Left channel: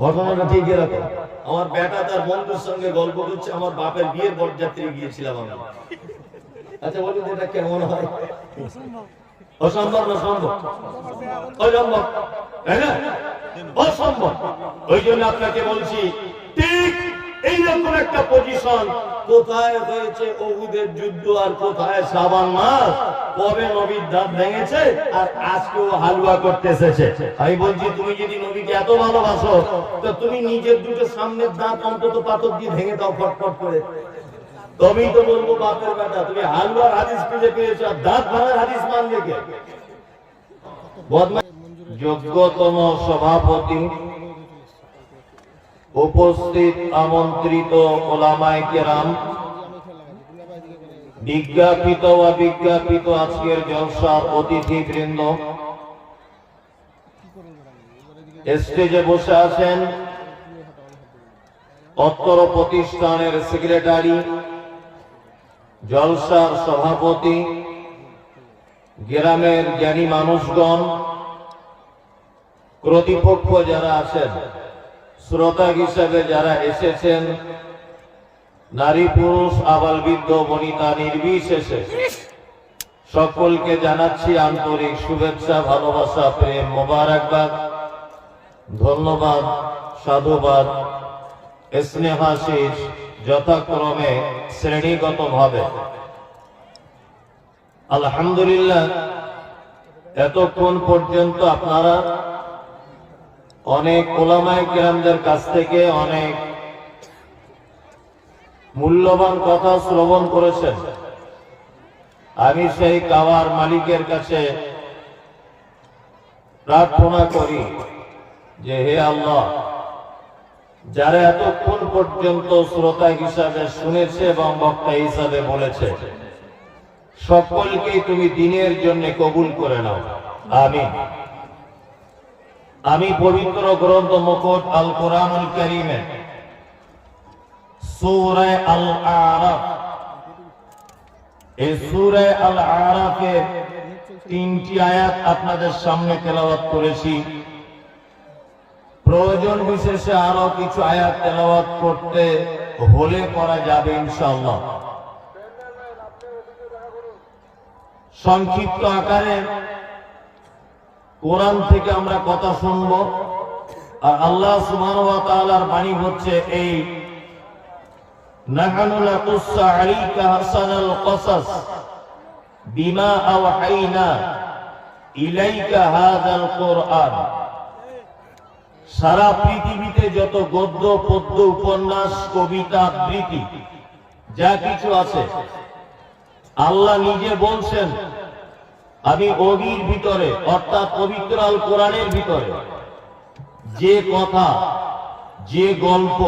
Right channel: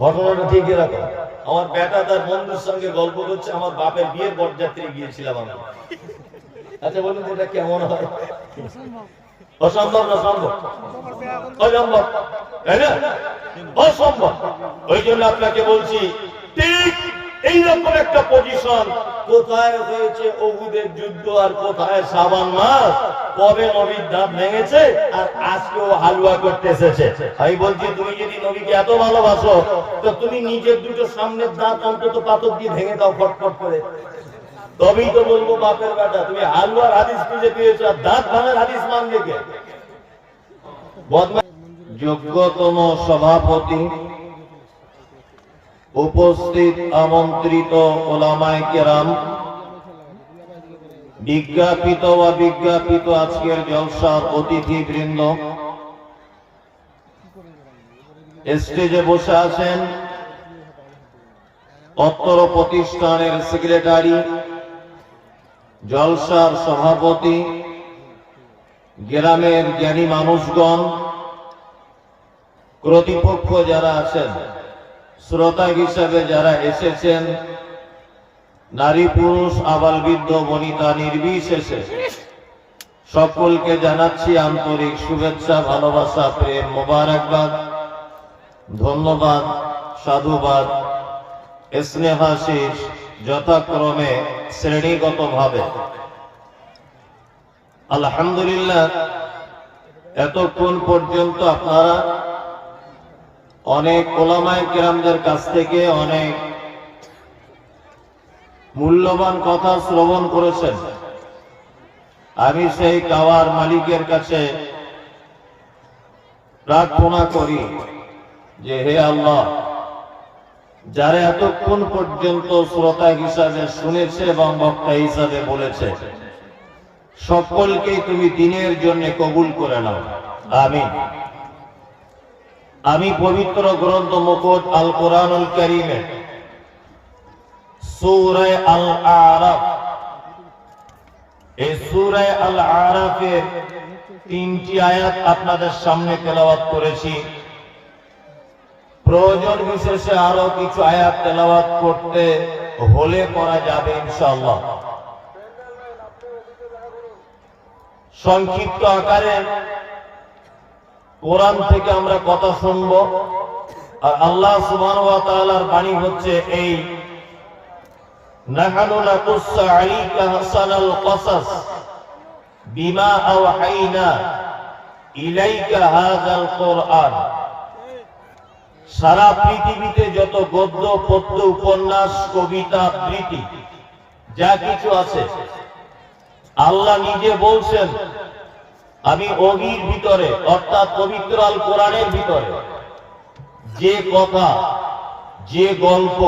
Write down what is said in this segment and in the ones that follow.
ঘটনাটা ঠিক এরকম। আমার বেটা তার বন্ধুর সঙ্গে গল্প করছে আমার বাপের বিয়ে বরযাত্রী গিয়েছিলাম আমি। আচ্ছা বলুন এটা কেমন হয়? অসম্ভব। না সম্ভব অসম্ভব। তাই না? অসম্ভব। ওই জন্য আপনাকে বলছি ঠিক এইরকম একটা পজিশন কোথায় হয়েছে অহুদের যুদ্ধ আর কোথায় সাবান মাস কবে নবীর দাঁত ভেঙেছে আর আজকে ও হালুয়া করতে এসেছে? আমি বলছি, তুমি যদি নবীকে এত ভালোবাসো, তো তুমি নিজের দুটো সামনের দাঁত অন্তত পাথর দিয়ে ভেঙে দাও ফটফট করে। তবেই তো বলব, বাপের বেটা, তুমি হালুয়ার হাদিস খুঁজে পেয়েছ আর দাঁত ভাঙার হাদিস মানবে কে? যোগ্যতম সভাপতি উপস্থিত আমন্ত্রিত ওলামায় কেরাম, বিজ্ঞাপিত বা বিজ্ঞাপিত আজকের জলসার অতিথি বৃন্দ স্টেজে বসে আছেন অত্তর প্রতিষ্ঠানের সেক্রেটারি, জলসার সভাপতি, গ্রামের জ্ঞানী মানুষগণ প্রতিপক্ষ যারা আছেন। শ্রোতা হিসেবে যারা এসেছেন, নারী পুরুষ, আবাল বৃদ্ধ, বনিতা, নির্বিশেষে সকলকে জানাচ্ছি আন্তরিক শুভেচ্ছা, ভালোবাসা, প্রেম মোবারকবাদ, ধন্যবাদ, সাধুবাদ। স্নেহাশিস যথাক্রমে শ্রেণীগত ভাবে আলহামদুলিল্লাহ, এতক্ষণ পর্যন্ত আপনারা অনেক ওলামায় কেরামদের কাছ থেকে অনেক মূল্যবান কথা শ্রবণ করেছেন। আমি সেই কাওয়ার মালিকের কাছে প্রার্থনা করি যে হে আল্লাহ, যারা এতক্ষণ পর্যন্ত শ্রোতা হিসাবে শুনেছে এবং বক্তা হিসাবে বলেছে, সকলকেই তুমি দিনের জন্য কবুল করে নাও। আমিন। আমি পবিত্র গ্রন্থ মুখট আল কোরআনুল করিমে সূরা আল এই আল আরাফে তিনটি আয়াত আপনাদের সামনে তেলাওয়াত করেছি। প্রয়োজন বিশেষে আরও কিছু আয়াত তেলাওয়াত করতে হলে করা যাবে ইনশাআল্লাহ। সংক্ষিপ্ত আকারে কোরআন থেকে আমরা কথা শুনব। আর আল্লাহ তাআলার বাণী হচ্ছে এই ইলাইকা সারা পৃথিবীতে যত গদ্য, পদ্য, উপন্যাস, কবিতা, আবৃত্তি, যা কিছু আছে, আল্লাহ নিজে বলছেন আমি অগির ভিতরে, অর্থাৎ পবিত্র আল কোরআনের ভিতরে। যে কথা, যে গল্প,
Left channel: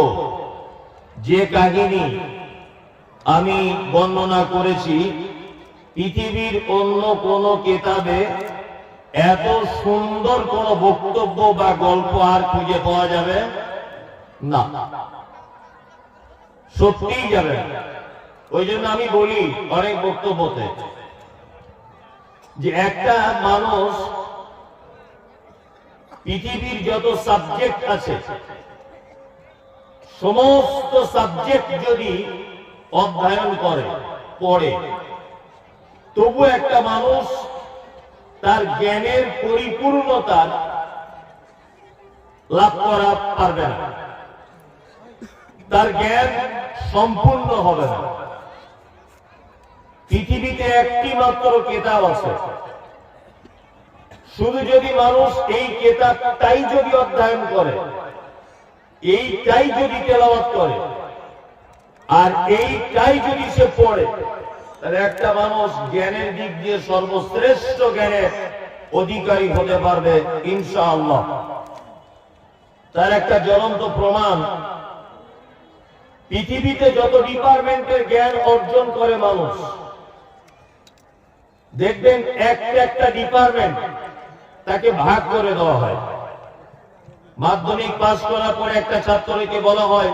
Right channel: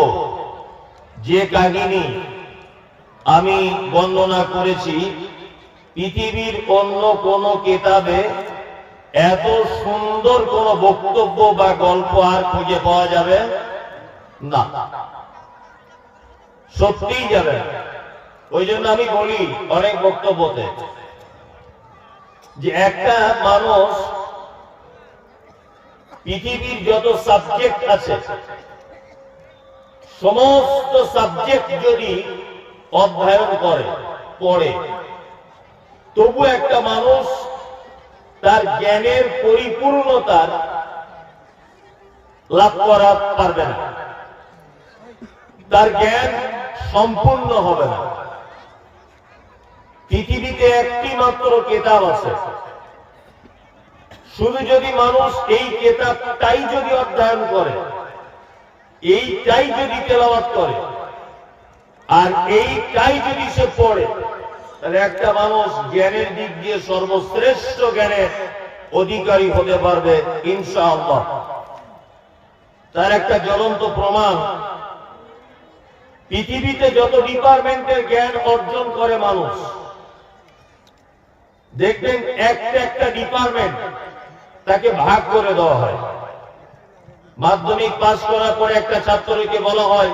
যে কাহিনী আমি বর্ণনা করেছি, পৃথিবীর অন্য কোন কেতাবে এত সুন্দর কোন বক্তব্য বা গল্প আর খুঁজে পাওয়া যাবে না। সত্যিই যাবে ওই জন্য আমি বলি অনেক বক্তব্যতে যে একটা মানুষ পৃথিবীর যত সাবজেক্ট আছে, সমস্ত সাবজেক্ট যদি অধ্যয়ন করে, পড়ে, তবু একটা মানুষ তার জ্ঞানের পরিপূর্ণতা লাভ করা পারবে না। তার জ্ঞান সম্পূর্ণ হবে না। পৃথিবীতে একটি মাত্র কেতাব আছে। শুধু যদি মানুষ এই কেতাবটাই যদি অধ্যয়ন করে, এইটাই যদি তেলাওয়াত করে, আর এইটাই যদি সে পড়ে, তাহলে একটা মানুষ জ্ঞানের দিক দিয়ে সর্বশ্রেষ্ঠ জ্ঞানের অধিকারী হতে পারবে, ইনশাআল্লাহ। তার একটা জ্বলন্ত প্রমাণ, পৃথিবীতে যত ডিপার্টমেন্টের জ্ঞান অর্জন করে মানুষ দেখবেন একটা একটা ডিপার্টমেন্ট তাকে ভাগ করে দেওয়া হয়। মাধ্যমিক পাস করার পরে একটা ছাত্রকে বলা হয়,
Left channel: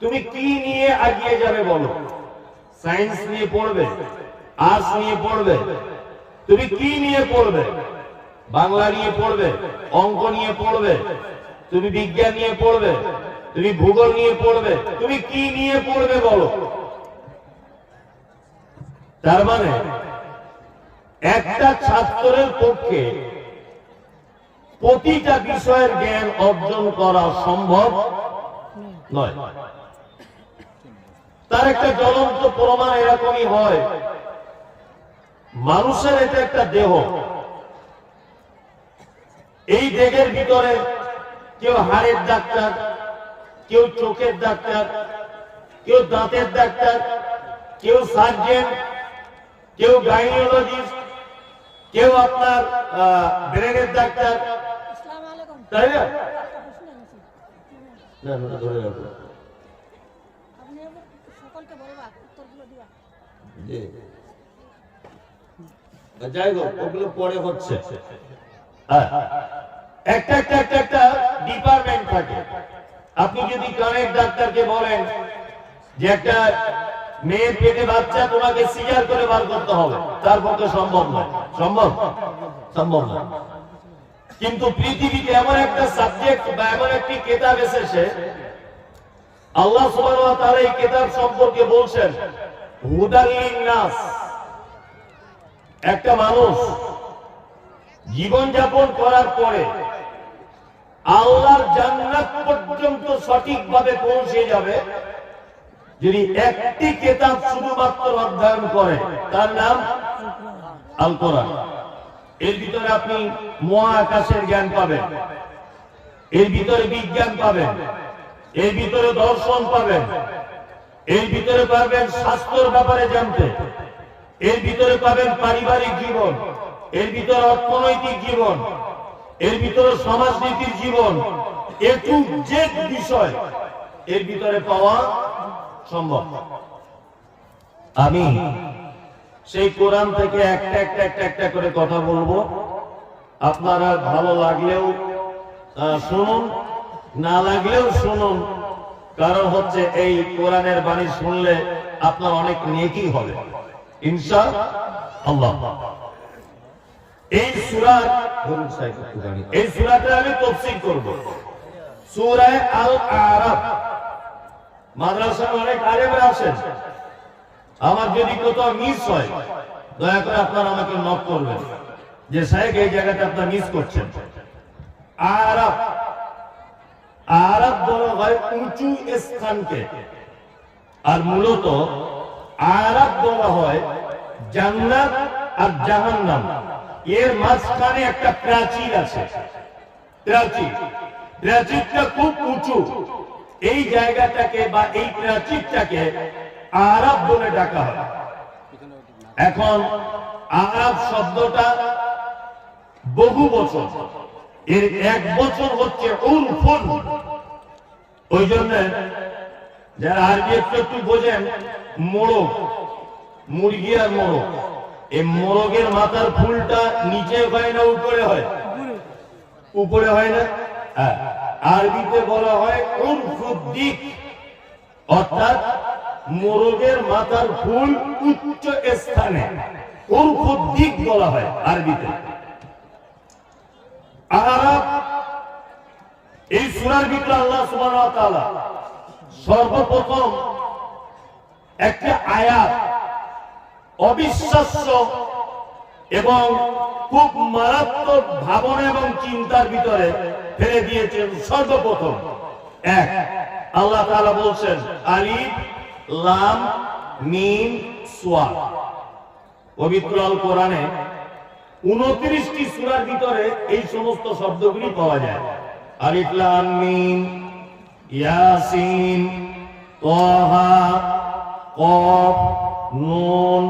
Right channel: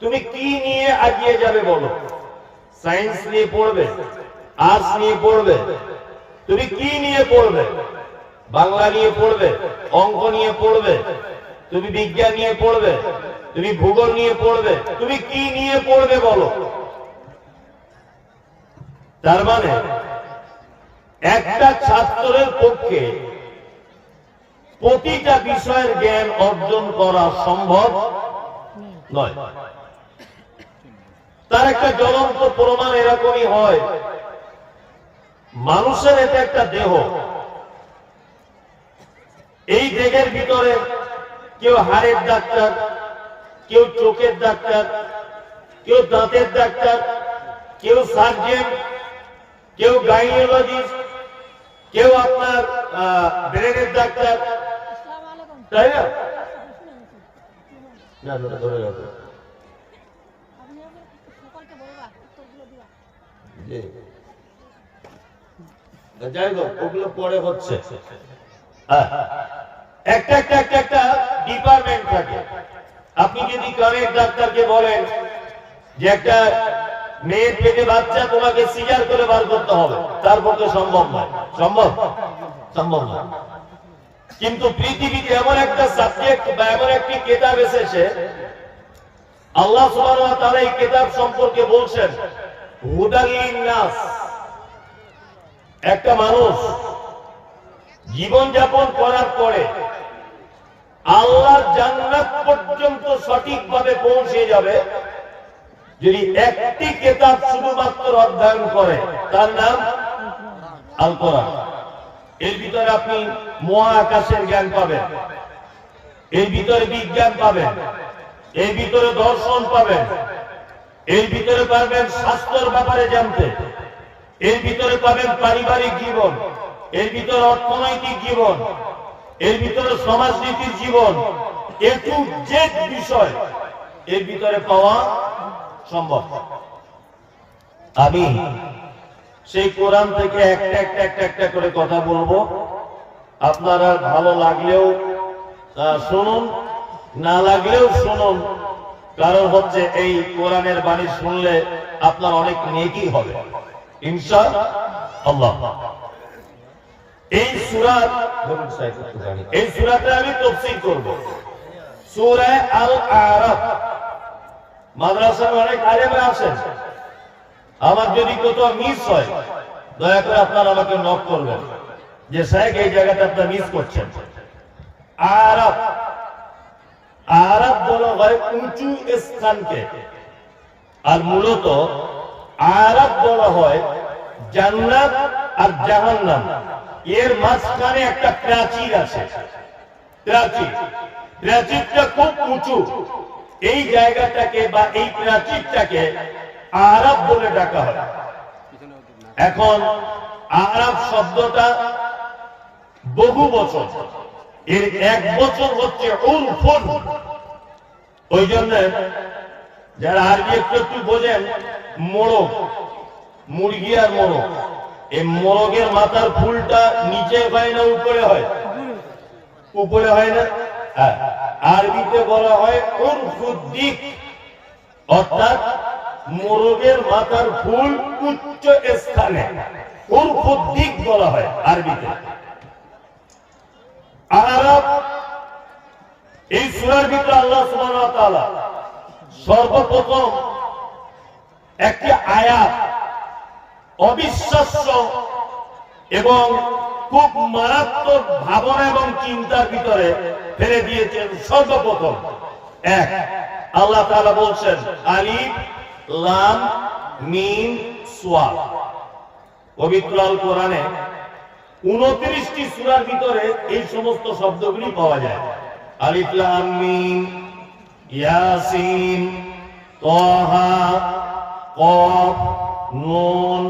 তুমি কি নিয়ে এগিয়ে যাবে বলো? সায়েন্স নিয়ে পড়বে, আর্টস নিয়ে পড়বে, তুমি কি নিয়ে পড়বে? বাংলা নিয়ে পড়বে, অঙ্ক নিয়ে পড়বে, তুমি বিজ্ঞান নিয়ে পড়বে, তুমি ভূগোল নিয়ে পড়বে, তুমি কি নিয়ে পড়বে বলো? তার মানে একটা ছাত্রের পক্ষে প্রতিটা বিষয়ের জ্ঞান অর্জন করা সম্ভব নয়। তার একটা জ্বলন্ত প্রমাণ এরকমই হয়। মানুষের এটা একটা দেহ। এই দেহের ভিতরে কেউ হাড়ের ডাক্তার, কেউ চোখের ডাক্তার, কেউ দাঁতের ডাক্তার, কেউ সার্জেন, কেউ গাইনোলজিস্ট কেউ আপনার ব্রেনের ডাক্তার। তাই না? যাই হোক, ওগুলো পরে হচ্ছে। হ্যাঁ। একটা একটা একটা একটা ডিপার্টমেন্ট থাকে। আপনি যদি কানের ডাক্তারকে বলেন যে একটা মেয়ের পেটে বাচ্চা তোমাকে সিজার করে বার করতে হবে। তার পক্ষে সম্ভব নয়। সম্ভব? সম্ভব নয়। কিন্তু পৃথিবীতে এমন একটা সাবজেক্ট বা এমন একটি কেতাব এসেছে, আল্লাহ তাআলা এই কেতাব সম্পর্কে বলছেন নাস একটা মানুষ জীবন যাপন করার পরে আল্লাহর জান্নাত পর্যন্ত সঠিকভাবে পৌঁছে যাবে। যদি একটি কেতাব শুধুমাত্র অধ্যয়ন করে, তার নাম আল কোরআন এর ভিতরে আপনি মহাকাশের জ্ঞান পাবেন, এর ভিতরে বিজ্ঞান পাবেন, এর ভিতরে দর্শন পাবেন, এর ভিতরে পাবেন স্বাস্থ্যর ব্যাপারে জানতে, এর ভিতরে পাবেন পারিবারিক জীবন, এর ভিতরে অর্থনৈতিক জীবন, এর ভিতরে সমাজনীতির জীবন, এ জেড বিষয় এর ভিতরে পাওয়া সম্ভব। আমি সেই কোরআন থেকে একটা একটা একটা একটা করে কথা বলব। আপনারা ভালো লাগলেও শুনুন, না লাগলেও শুনুন। কারণ হচ্ছে এই কোরআনের বাণী শুনলে আপনার অনেক নেকি হবে। ইনশা আল্লাহ। এই সুরাত। এই সুরাতে আমি তফসিল করব। সূরা আল আরাফ মাদ্রাসার অনেক আলেমরা আছেন। আমার যদি কোথাও মিস হয়, দয়া করে আপনারা আমাকে নক করবেন যে সাহেব এই জায়গাটা আপনার মিস করছেন। আরব আরব বলা হয় উঁচু স্থানকে। আর মূলত আরব বলা হয় জান্নাত আর জাহান্নাম। এর মাঝখানে একটা প্রাচীর আছে। প্রাচীর। প্রাচীরটা খুব উঁচু। এই জায়গাটাকে বা এই প্রাচীরটাকে আরব বলে ডাকা হয়। এখন আরব শব্দটা বহু বছর এর এক বছর হচ্ছে উরফুন। ওই জন্য যারা আরবি একটু একটু বোঝেন মোড়ক মুরগি আর মোড়ক এই মোরগের মাথার ফুলটা নিচে হয় না উপরে হয়? উপরে হয় না? হ্যাঁ। আরবিতে বলা হয় উরফুদ্দিক অর্থাৎ মোরগের মাথার ফুল উচ্চ স্থানে। উরফুদ্দিক বলা হয় আরবিতে। আরব এই সূরার ভিতরে আল্লাহ তাআলা সর্বপ্রথম একটি আয়াত অবিশ্বাস্য এবং খুব মারাত্মক ভাবনা এবং চিন্তার ভিতরে ফেলে দিয়েছেন সর্বপ্রথম। এক, আল্লাহ তাআলা বলছেন, আলিফ, লাম, মিম, সোয়া। পবিত্র আল কোরআনে উনত্রিশটি সূরার ভিতরে এই সমস্ত শব্দগুলি পাওয়া যায়। আলিফ, লাম, মিম, ইয়াসিন, তাহা, কফ, নুন,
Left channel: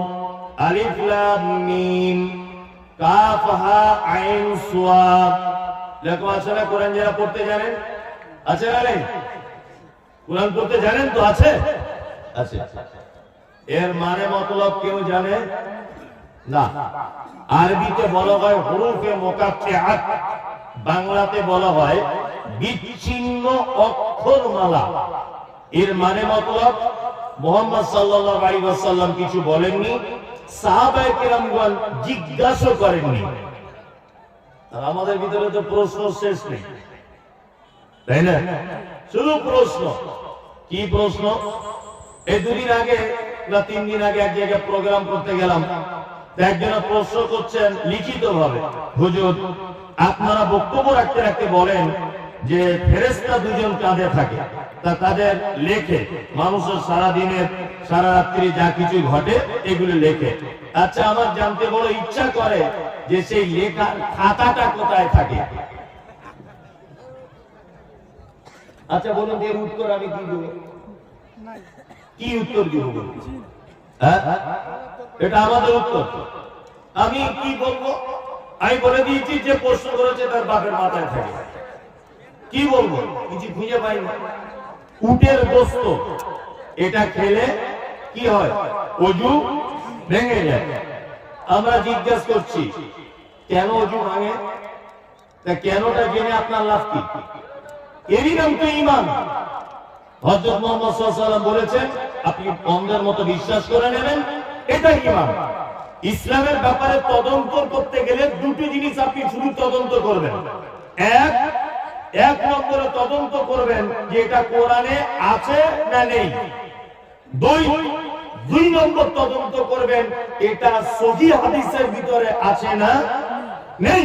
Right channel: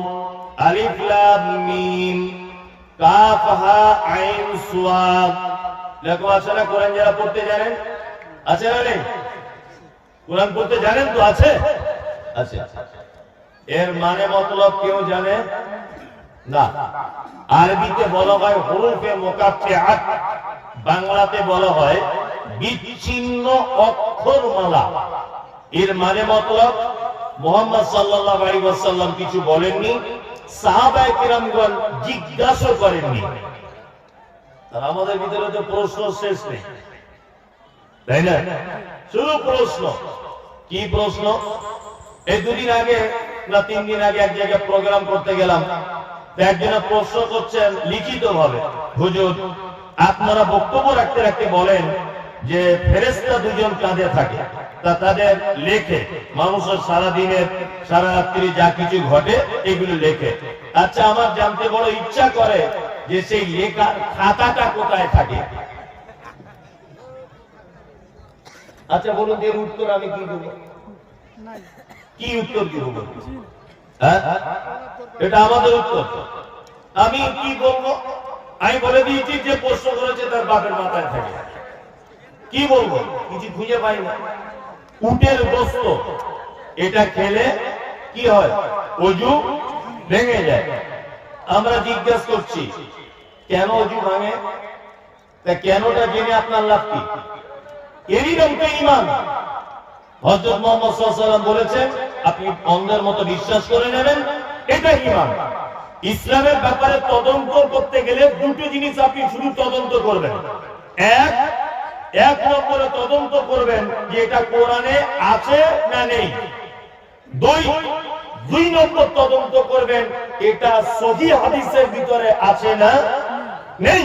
আলিফ, লাম, মিম কাফ হা আইন সুয়াদ লেখো আছে না? কোরআন যারা পড়তে জানেন? আছে না নেই? কোরআন পড়তে জানেন তো? আছে? আছে। এর মানে মতলব কেউ জানে? না। আরবিতে বলা হয় হুরুফে মোকাফিআত বাংলাতে বলা হয় বিচ্ছিন্ন অক্ষরমালা। এর মানে মতলব মোহাম্মদ সাল্লাল্লাহু আলাইহি ওয়াসাল্লাম কিছু বলেননি, সাহাবায়ে কেরামগণ জিজ্ঞাসা করেননি। আর আমাদের ভিতরে তো প্রশ্ন শেষ নেই। তাই না? শুধু প্রশ্ন। কি প্রশ্ন? এই দুদিন আগে না তিন দিন আগে এক জায়গায় প্রোগ্রাম করতে গেলাম। একজনে প্রশ্ন করছেন লিখিত ভাবে হুজুর, আপনারা বক্তব্য রাখতে রাখতে বলেন যে ফেরেস্তা দুজন কাঁধে থাকে। তা তাদের লেখে। মানুষের সারা দিনের সারা রাত্রি যা কিছু ঘটে এগুলি লেখে। আচ্ছা আমার জানতে বড় ইচ্ছা করে যে সেই লেখা খাতাটা কোথায় থাকে? আচ্ছা বলুন এর উত্তর আমি কি দেবো? কি উত্তর দিব হ্যাঁ? এটা আমাদের উত্তর। আমি কি বলব? আমি বলে দিয়েছি যে প্রশ্ন করেছে তার বাপের মাথায় থাকে। কি বলব? কিছু খুঁজে পাই না। উটের গোস্ত এটা খেলে কি হয়? অজু ভেঙে যায়। আমরা জিজ্ঞাসা করছি, কেন অজু ভাঙে? তা কেনটা জেনে আপনার লাভ কি? এরই নাম তো ইমান হজরত মোহাম্মদ বলেছেন, আপনি অন্ধের মতো বিশ্বাস করে নেবেন এটা ইমান ইসলামের ব্যাপারে তদন্ত করতে গেলে দুটো জিনিস আপনি শুধু তদন্ত করবেন। এক এক নম্বরে তদন্ত করবেন যে এটা কোরআনে আছে না নেই। দুই দুই নম্বর তদন্ত করবেন, এটা সহি হাদিসের ভিতরে আছে না নেই।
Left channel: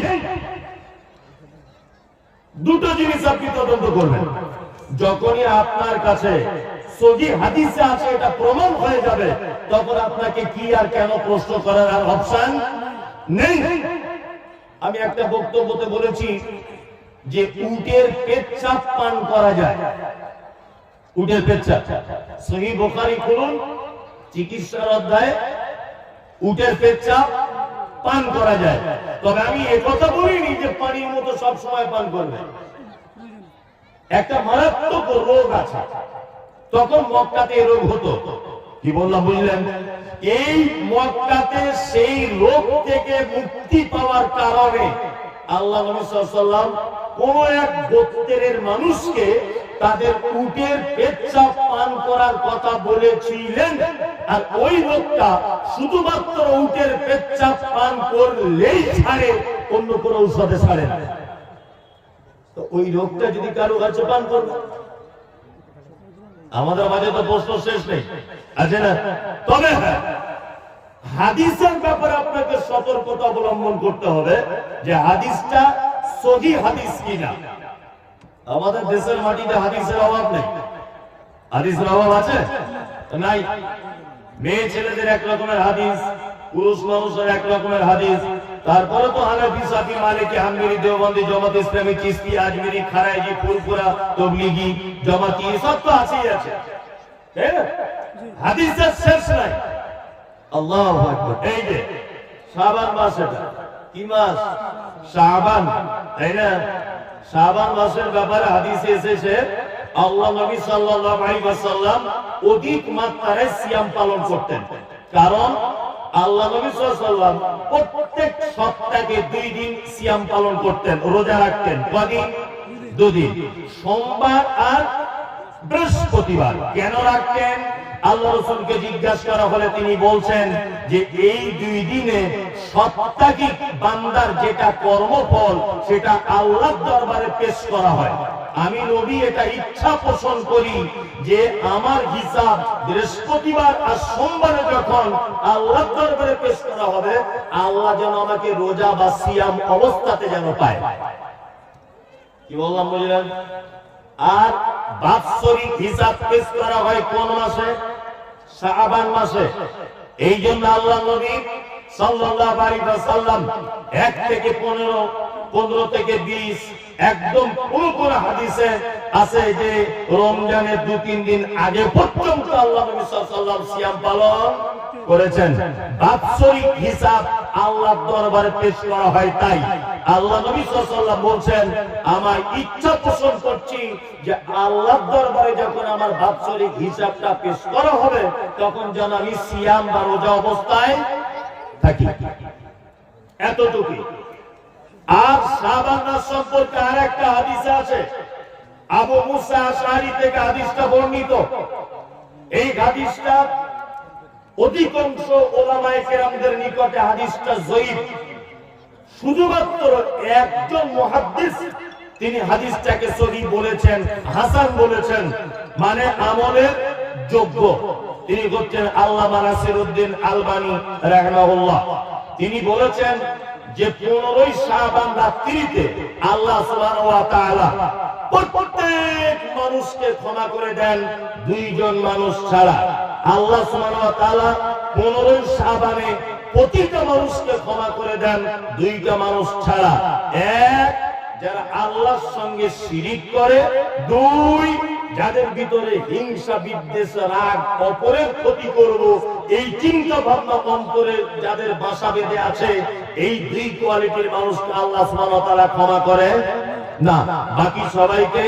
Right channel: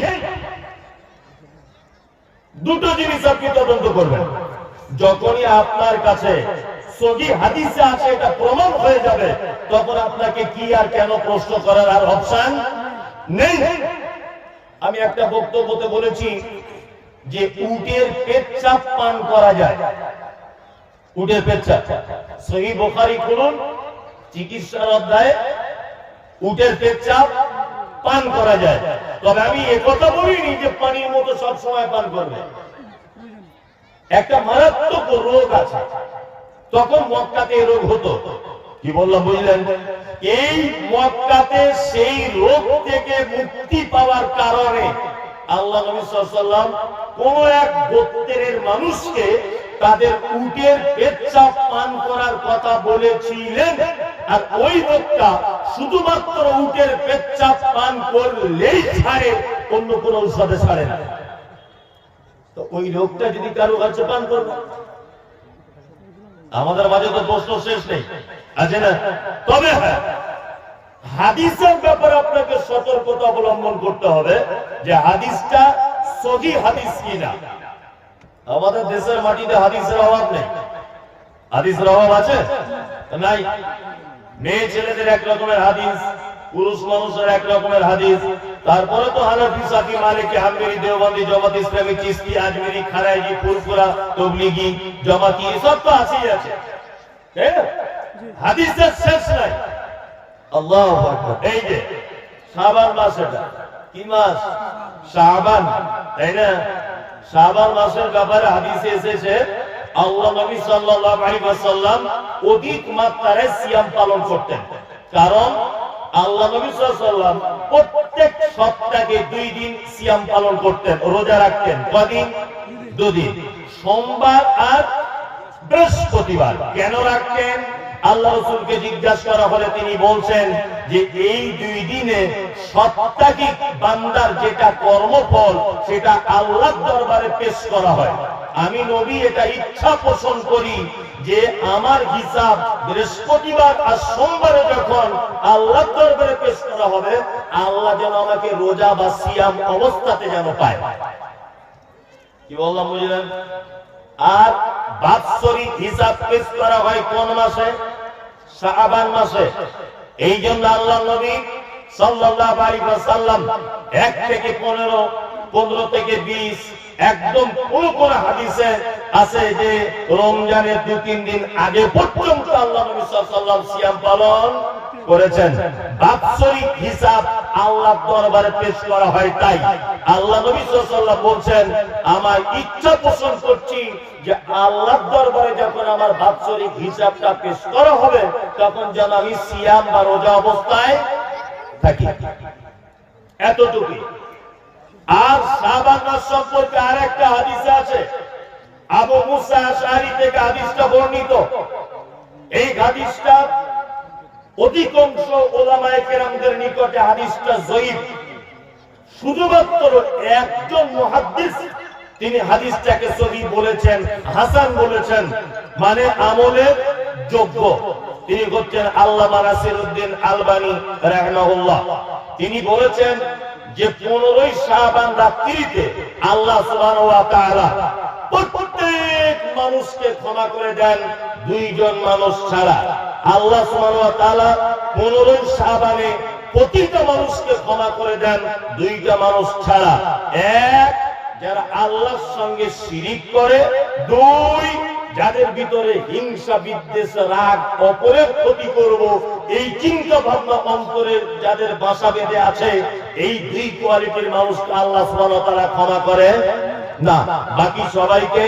দুটো জিনিস আপনি তদন্ত করবেন। যখনই আপনার কাছে সহি হাদিসে আছে, এটা প্রমাণ হয়ে যাবে, তখন আপনাকে কি আর কেন প্রশ্ন করার আর অপশন নেই। আমি একটা বক্তব্যতে বলেছি যে উটের পেচ্ছাপ পান করা যায়। উটের পেচ্ছাপ সহি বোখারি খুলুন চিকিৎসার অধ্যায় উটের পেচ্ছাপ পান করা যায়। তবে আমি কথা বলিনি যে পানির মতো সব সময় পান করবে। একটা মারাত্মক রোগ আছে। তখন মক্কাতে রোগ হতো। কি বললাম, বুঝলেন? এই মক্কাতে সেই রোগ থেকে মুক্তি পাওয়ার কারণে আল্লাহ নবী সাল্লাম কোন এক গোত্রের মানুষকে তাদের উটের পেচ্ছাপ পান করার কথা বলেছিলেন। আর ওই রোগটা শুধুমাত্র উটের পেচ্ছাপ পান করলেই ছাড়ে, অন্য কোন ঔষধে ছাড়ে না। তো ওই রোগটা যদি কারও কাছে পান করবে, আমাদের মাঝে তো প্রশ্ন শেষ নেই। আছে না? তবে হ্যাঁ হাদিসের ব্যাপারে আপনাকে সতর্কতা অবলম্বন করতে হবে যে হাদিসটা সহি হাদিস কিনা। আমাদের দেশের মাটিতে হাদিসের অভাব নেই। হাদিসের অভাব আছে? নাই। মেয়ে ছেলেদের এক রকমের হাদিস পুরুষ মানুষের এক রকমের হাদিস। তারপরে তো হানাফি সাফি মালিকি হামবেরি দেওবন্দি জামাত ইসলামী চিস্তি আজমেরি খারাইজি ফুরফুরা তবলিগি জামাতি এসব তো আছেই আছে। তাই না? হাদিসের শেষ নাই। আল্লাহ এই যে মাস এটা। কি মাস? তাই না? মাসের ব্যাপারে হাদিসে এসেছে, আল্লাহ নবী অধিক মাত্রায় সিয়াম পালন করতেন। কারণ আল্লাহ নবী ওয়াসাল্লাম প্রত্যেক সপ্তাহে দুই দিন সিয়াম পালন করতেন, রোজা রাখতেন। কদিন? দুদিন। সোমবার আর বৃহস্পতিবার। কেন রাখতেন? আল্লাহ রসুলকে জিজ্ঞাসা করা হলে তিনি বলছেন যে এই দুই দিনে সপ্তাহিক বান্দার যেটা কর্মফল, সেটা আল্লাহ দরবারে পেশ করা হয়। আমি নবী এটা ইচ্ছা পোষণ করি যে আমার হিসাব বৃহস্পতিবার আর সোমবারে যখন আল্লাহ দরবারে পেশ করা হবে, আল্লাহ যেন আমাকে রোজা বা সিয়াম অবস্থাতে যেন পায়। কি বললাম বুঝলেন? আর বাৎসরিক হিসাব পেশ করা হয় কোন মাসে? শাবান মাসে। এই জন্য আল্লাহ নবী সাল্লাল্লাহু আলাইহি ওয়াসাল্লাম 1 থেকে 15 15 থেকে 20 একদম কোন কোন হাদিসে আছে যে রমজানের দু তিন দিন আগে পর্যন্ত আল্লাহ নবী সাল্লাল্লাহু আলাইহি সিয়াম পালন করেছেন। বাৎসরিক হিসাব আল্লাহর দরবারে পেশ করা হয় তাই। আল্লাহ নবী সাল্লাল্লাহু বলছেন, আমার ইচ্ছা পোষণ করছি যে আল্লাহর দরবারে যখন আমার বাৎসরিক হিসাবটা পেশ করা হবে, তখন যেন আমি সিয়াম বা রোজা অবস্থায় থাকি। এতটুকুই আর শাবান মাস সম্পর্কে আরেকটা হাদিস আছে। আবু মুসা আশআরি থেকে হাদিসটা বর্ণিত। এই হাদিসটা অধিকাংশ ওলামায়ে কেরামদের নিকটে হাদিসটা জয়ীফ। শুধুমাত্র একজন মুহাদ্দিস, তিনি হাদিসটাকে সহি বলেছেন, হাসান বলেছেন মানে আমলের যোগ্য। তিনি হচ্ছেন আল্লাহ নাসির উদ্দিন আলবানি, রাহমাহুল্লাহ। তিনি বলেছেন যে পনেরোই শাহবান রাত্রিতে আল্লাহ সুবহানাহু ওয়া তাআলা প্রত্যেক মানুষকে ক্ষমা করে দেন, দুইজন মানুষ ছাড়া। আল্লাহ পনেরোই শাহবানে প্রতিটা মানুষকে ক্ষমা করে দেন, দুইটা মানুষ ছাড়া। এক, যারা আল্লাহর সঙ্গে শিরিক করে। দুই, যাদের ভিতরে হিংসা, বিদ্বেষ, রাগ, অপরের ক্ষতি করব, এই চিন্তা ভাবনা অন্তরে যাদের বাসা বেঁধে আছে, এই দুই কোয়ালিটির মানুষকে আল্লাহ ওয়া ক্ষমা করে। না, বাকি সবাইকে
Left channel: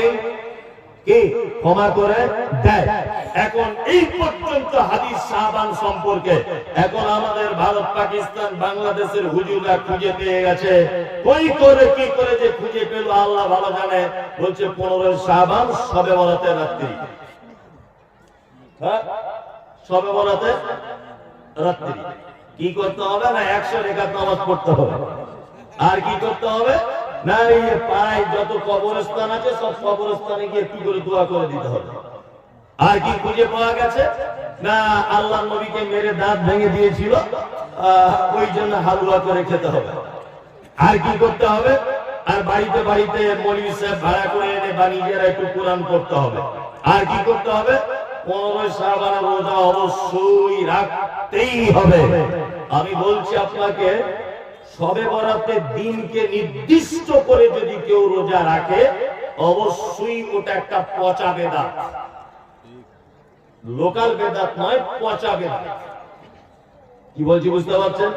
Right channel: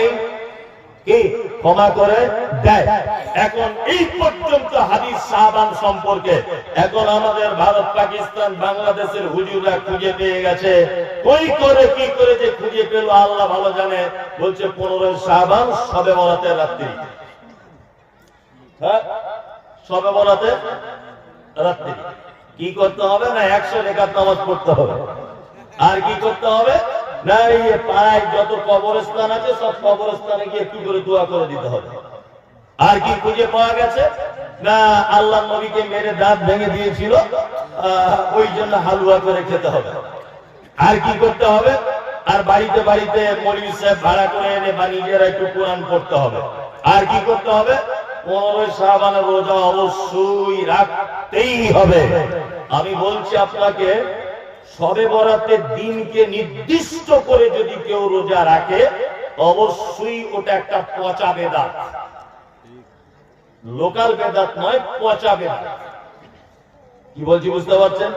কি? ক্ষমা করে দেয়। এখন এই পর্যন্ত হাদিস সাহাবান সম্পর্কে এখন আমাদের ভারত, পাকিস্তান, বাংলাদেশের হুজুররা খুঁজে পেয়ে গেছে। কই করে, কি করে যে খুঁজে পেল, আল্লাহ ভালো জানে। বলছে, পনেরোই সাহাবান সবে বলাতে রাত্রি। হ্যাঁ? সবে বলাতে রাত্রি। কি করতে হবে না, একশো রেখাত নামাজ পড়তে হবে। আর কি করতে হবে? হালুয়া করে খেতে হবে। আর কি করতে হবে? আর বাড়িতে বাড়িতে মৌলভী সাহেব ভাড়া করে এনে বা নিজেরা একটু কোরআন পড়তে হবে। আর কি করতে হবে? পনেরোই শ্রাবণের রোজা অবশ্যই রাখতেই হবে। আমি বলছি আপনাকে সবে বরাতের দিনকে নির্দিষ্ট করে যদি কেউ রোজা রাখে, অবশ্যই ওটা একটা পচা বেদাত। লোকাল বেদাত নয়, পচা বেদাত। কি বলছি বুঝতে পারছেন?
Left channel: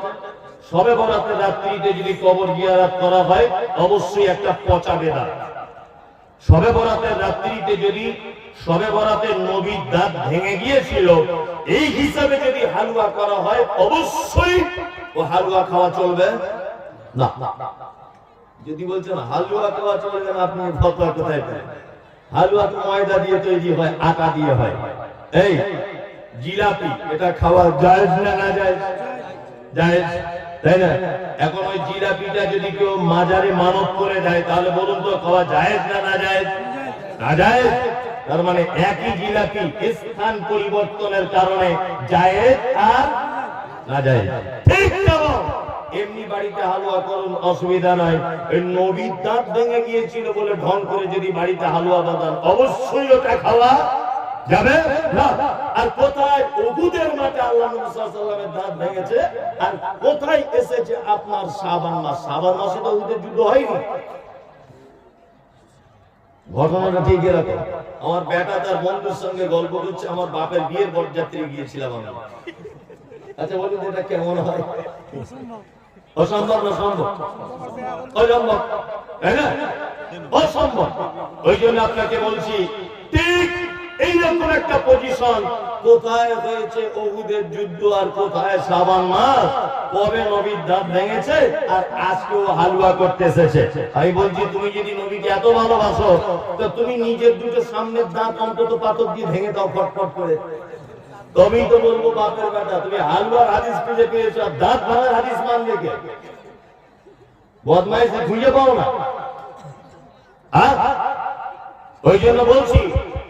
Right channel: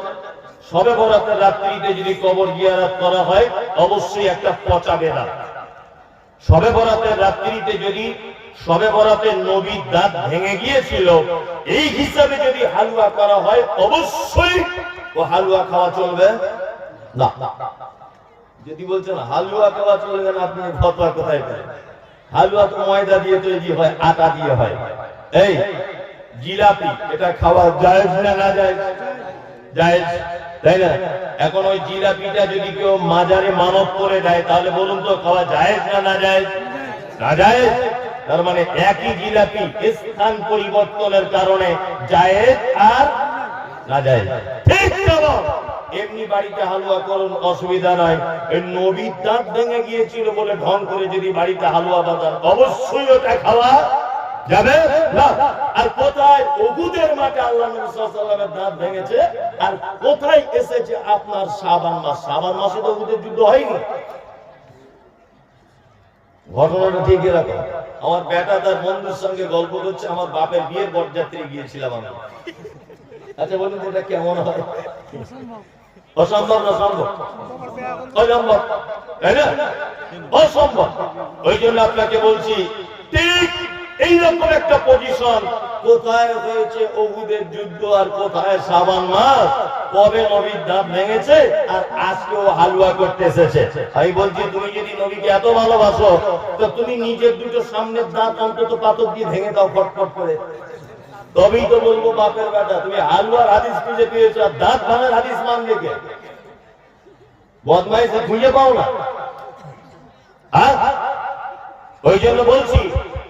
সবে বরাতের রাত্রিতে যদি কবর জিয়ারাত করা হয়, অবশ্যই একটা পচা বেদাত। সবে বরাতের রাত্রিতে যদি সবে বরাতের নবীর দাঁত ভেঙে গিয়েছিল, এই হিসাবে যদি হালুয়া করা হয়, অবশ্যই ও হালুয়া খাওয়া চলবে? না। যদি বলছেন হালুয়া খাওয়া চলবে না আপনি ফতোয়া কোথায় পেলেন হালুয়া তো ময়দা দিয়ে তৈরি হয়, আটা দিয়ে হয়। এই, জিলাপি, এটা খাওয়া যায় না না যায় যায় তাই না? এখন ওই জিলাপিটা যদি কেউ মাজারে মানব করে দেয়, তাহলে বলুন তো খাওয়া যায় না না যায় না যায় তার মানে একই জিলাপি স্থান পরিবর্তনের কারণে জায়েজ আর না যায় ঠিক এমনি বাড়িতে হালুয়া অসুবিধা নাই। নবীর দাঁত ভেঙে গিয়েছিল বলে ঢং করে যদি বাড়িতে হালুয়া বাঁধান অবশ্যই ওটা খাওয়া আর কোথায় মাঠে আল্লাহ ওয়াসাল্লামের দাঁত ভেঙেছে? আর কোথায় এসেছে আপনার শাবান মাস? শাবান মাসে তো ওগুদের যুদ্ধ হয়নি। ঘটনাটা রাখো আমার বেটা তার বন্ধুর সঙ্গে গল্প করছে, আমার বাপের বিয়ের বরযাত্রী গিয়েছিলাম আমি। আচ্ছা বলুন এটা কেমন হয়? অসম্ভব। না সম্ভব? অসম্ভব। তাই না? অসম্ভব। ওই জন্য আপনাকে বলছি ঠিক এইরকম একটা পজিশন কোথায় হয়েছে অহুদের যুদ্ধ আর কোথায় সাবান মাস কবে নবীর দাঁত ভেঙেছে আর আজকে হালুয়া করতে এসেছে? আমি বলছি তুমি যদি নবীকে এত ভালোবাসো তো তুমি নিজের দুটো সামনের দাঁত অন্তত পাথর দিয়ে ভেঙে দাও ফটফট করে। তবেই তো বলব বাপের বেটা, তুমি হালুয়ার হাদিস খুঁজে পেয়েছ আর দাঁত ভাঙার হাদিস মানলে কে? বদমাইশে খুঁজে পাও না। ওই জন্য বলছি,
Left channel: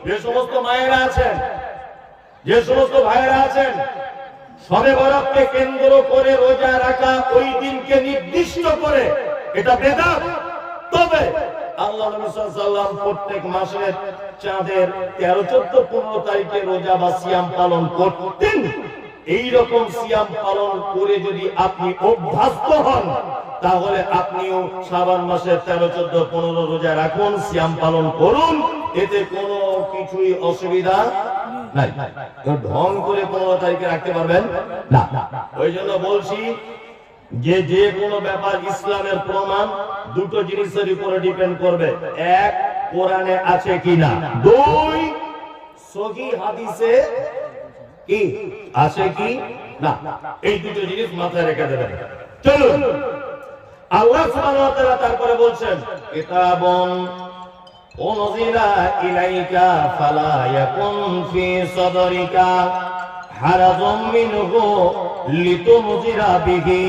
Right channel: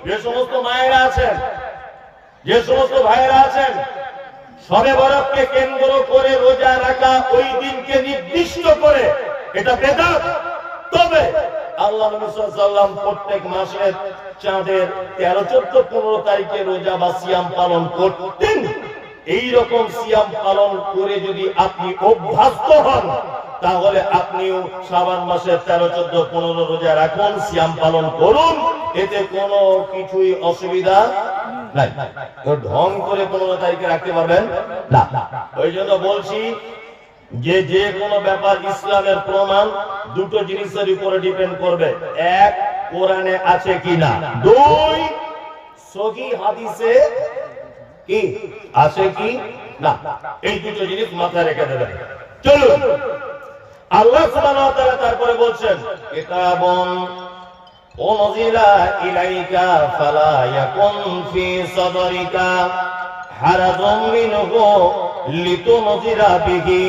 যে সমস্ত মায়েরা আছেন, যে সমস্ত ভাইয়েরা আছেন, সবে বরাতকে কেন্দ্র করে রোজা রাখা ওই দিনকে নির্দিষ্ট করে এটা বেদাত। তবে আল্লাহ নবী সাল্লাম প্রত্যেক মাসের চাঁদের তেরো, চোদ্দ, পনেরো তারিখে রোজা বা সিয়াম পালন করতেন। এই রকম সিয়াম পালন করে যদি আপনি অভ্যস্ত হন, তাহলে আপনিও শ্রাবণ মাসের তেরো, চোদ্দ, পনেরো রোজা রাখুন, সিয়াম পালন করুন। এতে কোনো কিছুই অসুবিধা নাই। ঢং করে পনেরো তারিখে রাখতে পারবেন? না। ওই জন্য বলছি যে যে কোনো ব্যাপার ইসলামের প্রমাণ দুটো জিনিসের উপরে ডিপেন্ড করবে। এক কোরআনে আছে কিনা? দুই সহি হাদিসে কি? আছে কি? না। এই দুটো জিনিস মাথায় রেখে দেবেন। চলুন। আল্লাহ সুবহানাহু ওয়া তাআলা তারপরে বলছেন, কিতাবুন উনজিলা ইলাইকা ফালা ইয়াকুন ফি সাদরিকা হারাজুম মিনহু লিতুনজিরা বিহি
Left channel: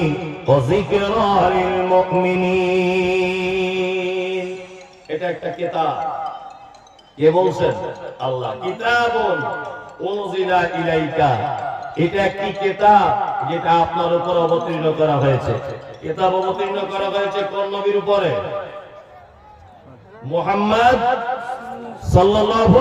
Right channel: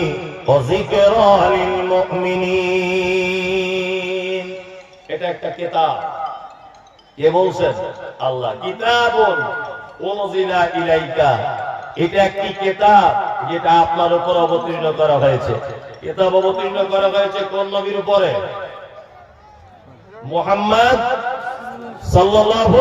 ওয়া যিকরা লিল মুমিনিন। এটা একটা কেতাব। কে বলছেন? আল্লাহ। ইলাইকা। এটা একটি কেতাব যেটা আপনার উপর অবতীর্ণ করা হয়েছে। কেতাব অবতীর্ণ করা হয়েছে কোন নবীর উপরে? মোহাম্মদ সাল্লাল্লাহু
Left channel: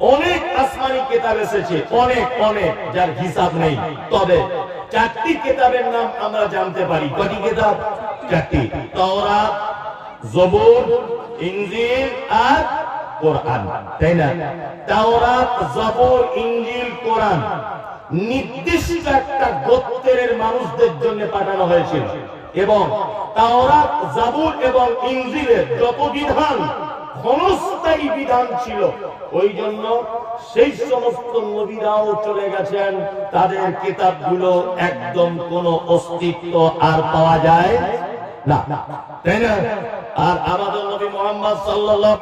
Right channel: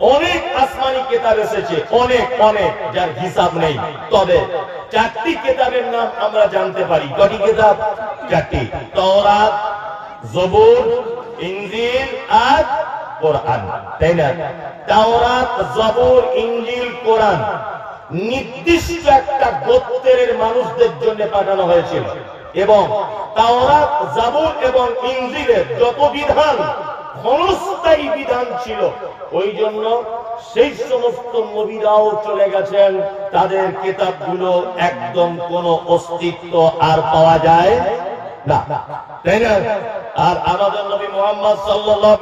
অনেক আসমানি কিতাব এসেছে, অনেক অনেক, যার হিসাব নেই। তবে চারটি কিতাবের নাম আমরা জানতে পারি। কটি কিতাব? চারটি। আর কোরআন। তাই না? তাওরাত, জবুর, ইনজিল, কোরআন নির্দিষ্ট একটা গোত্রের মানুষদের জন্য পাঠানো হয়েছিল। এবং তাওরাত, জাবুর এবং ইনজিলের যত বিধান ক্ষণস্থায়ী বিধান ছিল। ওই জন্য সেই সমস্ত নবীরাও চলে গেছেন। তাদের কিতাবগুলো একদম কোনো অস্তিত্ব আর পাওয়া যায় না। তাই না? আর আমাদের নবী মোহাম্মদ সাল্লাল্লাহু